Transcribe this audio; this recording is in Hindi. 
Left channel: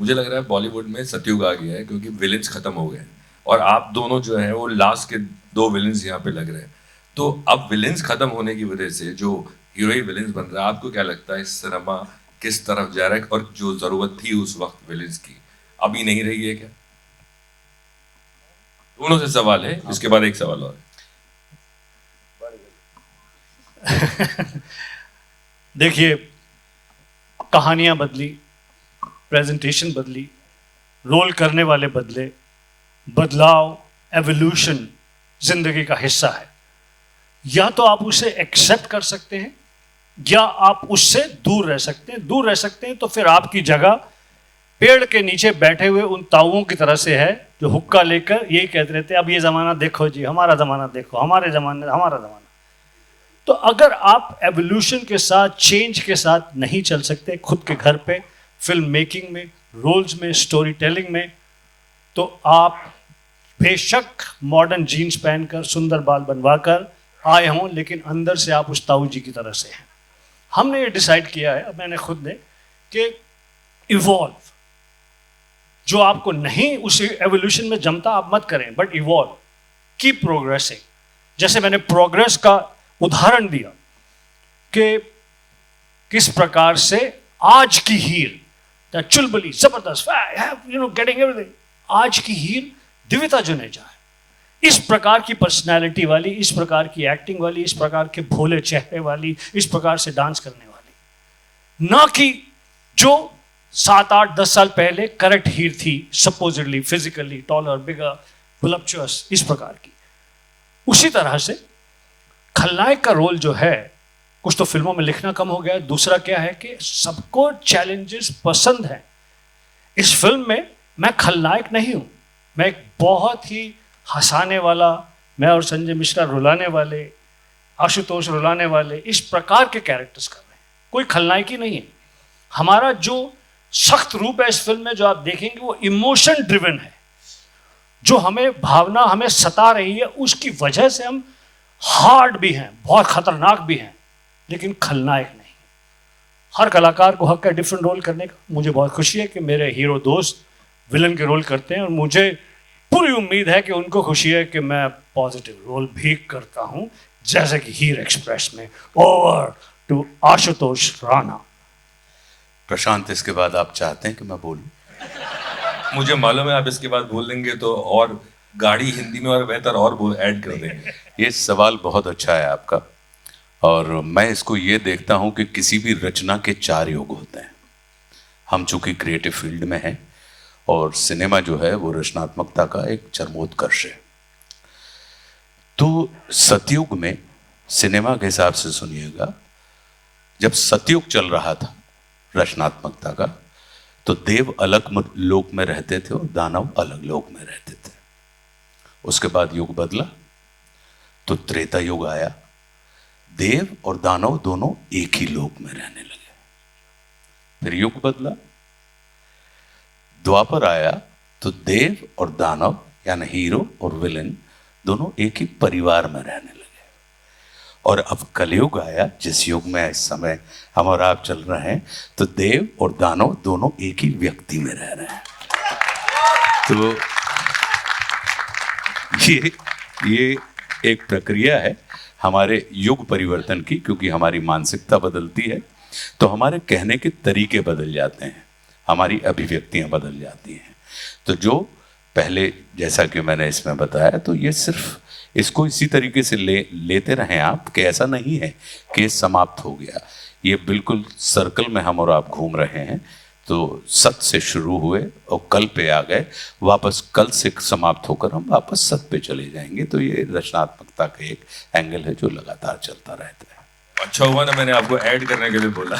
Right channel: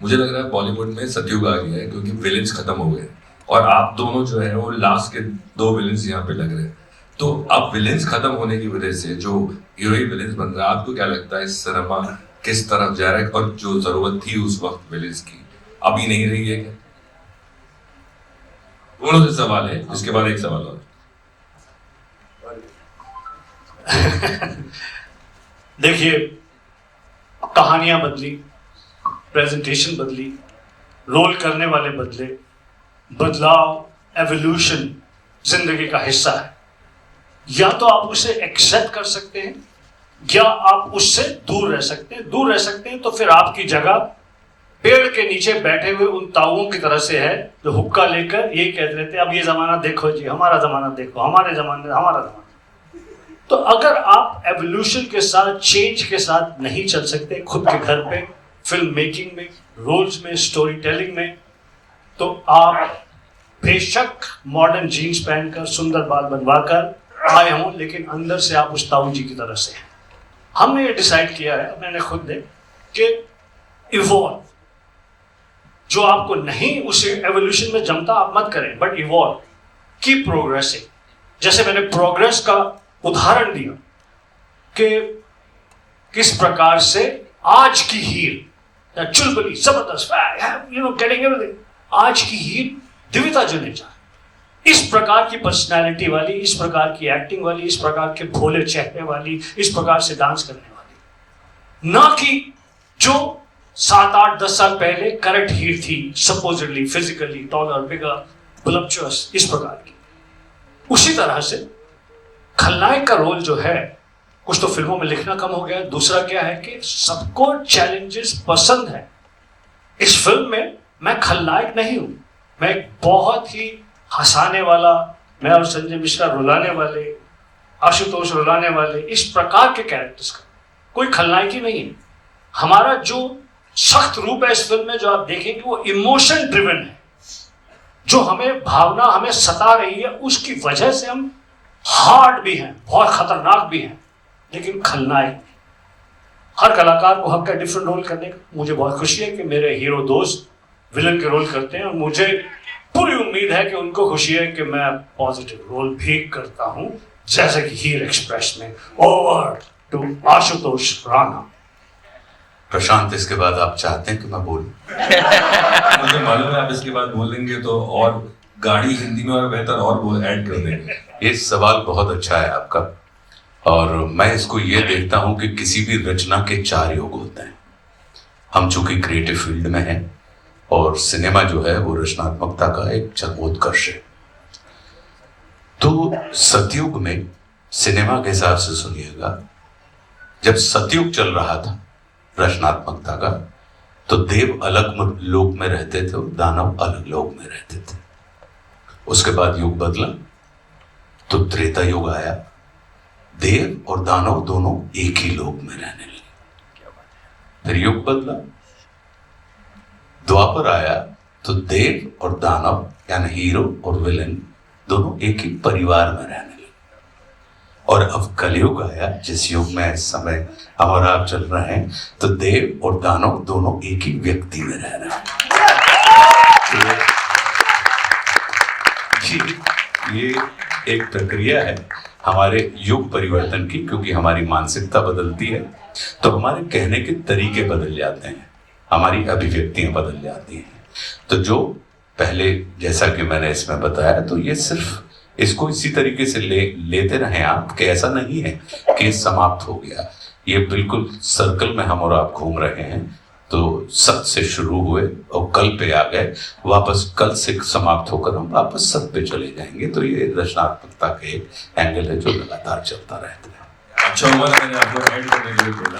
मुझे लग रहा है बॉलीवुड में सतयुग आ गया है क्योंकि विलेंस खत्म हो गए और आप दोनों जो है वो लास्ट के दो विलेंस यहाँ पे लग रहे हैं। तो अब विलेंस खत्म होने की वजह से जो हीरो ही विलेंस बन रहा है, आपको क्या लगता है सिनेमा किस तरफ जा रहा है और जो जरूरत थी उस वक्त विलेंस की अभी नहीं रही है? दोनों से सवाल है, उसके बाद एक सवाल और। देखिए, कहानियां बदली, प्रेजेंटेशन बदली, रोल करने वाले बदले, बदलाव एवोल्यूशन जिंदगी का हिस्सा है। या तो आप उसे एक्सेप्ट कर सकते हैं या आप उससे दूर रह सकते हैं। दूर रह सकते हैं तो फिर आपकी जगह पेड़ के नीचे बैठे हुए उन ताऊओं की तरह से है जो हुक्का लेकर ये कहते रहते हैं अब ये जमाना देखो जी, हमारा जमाना देखो, हमारे जमाने हमारा जमाना। तो अगर आप एवोल्यूशन के साथ, चेंज के साथ नहीं चल सकते खुद के घर पे, फिल्म मेकिंग में, रोल्स में, स्टोरी टेलिंग में, तो आप बेशक मॉडर्न जीन्स पहनकर सुंदर बाल बनवाकर आए हों, लेकिन अंदर से आप उस ताऊ जी की तरह से हैं। हमने ये डिसाइड किया है, मैंने खुद ने, कि इवॉल्व, जो आपको नहीं उस एवोल्यूशन में जमता आप मत करें, बट इवॉल्व, कीप प्रोग्रेसिंग। जैसे मैंने प्रोग्रेस का उदाहरण दिया कि किस प्रकार से आज की हीर चुलबुली जबरदस्त, गेटिंग एवरीथिंग, आज की हीर दिविता जुनेजा है। इस प्रकार की पर्सनालिटी वाली, इस प्रकार की एक्टिंग वाली, इस प्रकार के भोले चेहरे वाली, इस प्रकार से डांस करने वाली, ना कि जो 7-8-10 साल पहले करेक्ट हीर थी, सपोजिटली फिजिकली टॉलर, बिगर, वोलुप्चुअस, इस प्रकार की। उसी तरह से खलनायक का रोल जो है, कुछ तो फिल्मों में लिखना कम हो गया, दूसरा क्या है कि सबको चैलेंजेस पसंद है। इस फिल्म में मैं खलनायक नहीं हूं, मैं एक बहुत ही हंसाने वाला, मैं और संजय मिश्रा रुलाने वाले, आशुतोष रुलाने वाले, इस प्रकार के कैरेक्टर्स कर रहे हैं। कोई खलनायक ही नहीं है। हमारा जो सख्त रूप है इस फिल्म में, जो आप देखेंगे, वो इमोशन ड्रिवन है। जो हमें भावना हमें सता रही है, उसकी वजह से हम हार्ड भी हैं, बहुत खतरनाक भी हैं, लेकिन खलनायक नहीं। हर कलाकार को हक है डिफरेंट रोल करने का। मुझे बहुत खुशी है कि मेरे हीरो दोस्त विलन के रोल करते हैं और मुझे पूरी उम्मीद है कि उनको खुशी है कि मैं पॉजिटिव रोल भी करता हूं, जैसे कि हीर एक्सप्रेस में। Over to Ashutosh Rana. प्रशांत, इसके बाद आप चाहते हैं कि मैं बोलूं? मुझे मालूम है आप इसके बाद बोल देंगे तो और गाड़ी हिंदी में और बेहतर और ऐड कर देंगे। ये सवाल बहुत अच्छा है आपका, और मैं इसको ये देखता हूं कि किसी भी रचना के 4 युग होते हैं। हम चूंकि क्रिएटिव फील्ड में हैं और सिनेमा जो है वो रचनात्मकता का एक चरमोत्कर्ष है। तो सतयुग में सिनेमा के हिसाब से सुनिएगा, जब सतयुग चल रहा था रचनात्मकता का, तो देव अलग लोक में रहते थे और दानव अलग लोक में रहते थे। उसके बाद युग बदला तो त्रेता युग आया, देव और दानव दोनों एक ही लोक में रहने लगे। फिर युग बदला, द्वापर आया तो देव और दानव यानी हीरो और विलेन दोनों एक ही परिवार में रहने लगे। और अब कलयुग आया, जिस युग में इस समय हम और आप चल रहे हैं, तो देव और दानव दोनों एक ही व्यक्ति में रह रहे हैं। तो ये एक प्रक्रिया है हमारे युग परिवर्तन की, क्योंकि हमारी मानसिकता बदलती है तो हमारे कहने के तरीके बदल जाते हैं, हमारी अभिव्यक्तियां बदल जाती हैं। तो जो पहले, जैसा कि मैंने इसमें बताया, तो ये सिर्फ इसको इसी तरीके से लेते रहें आप, कि ऐसा नहीं है कि समाप्त हो गया। ये बिल्कुल सर्कल में हम और आप घूम रहे हैं। तो सत से शुरू हुए और कल पे आ गए, वापस कल से समाप्त होकर हम वापस सत पे चले जाएंगे। तो ये रचनात्मकता का एक एंगल है जो लगातार चलता रहता है। अच्छा हुआ मैंने आपको ऐड करने के लिए बोला।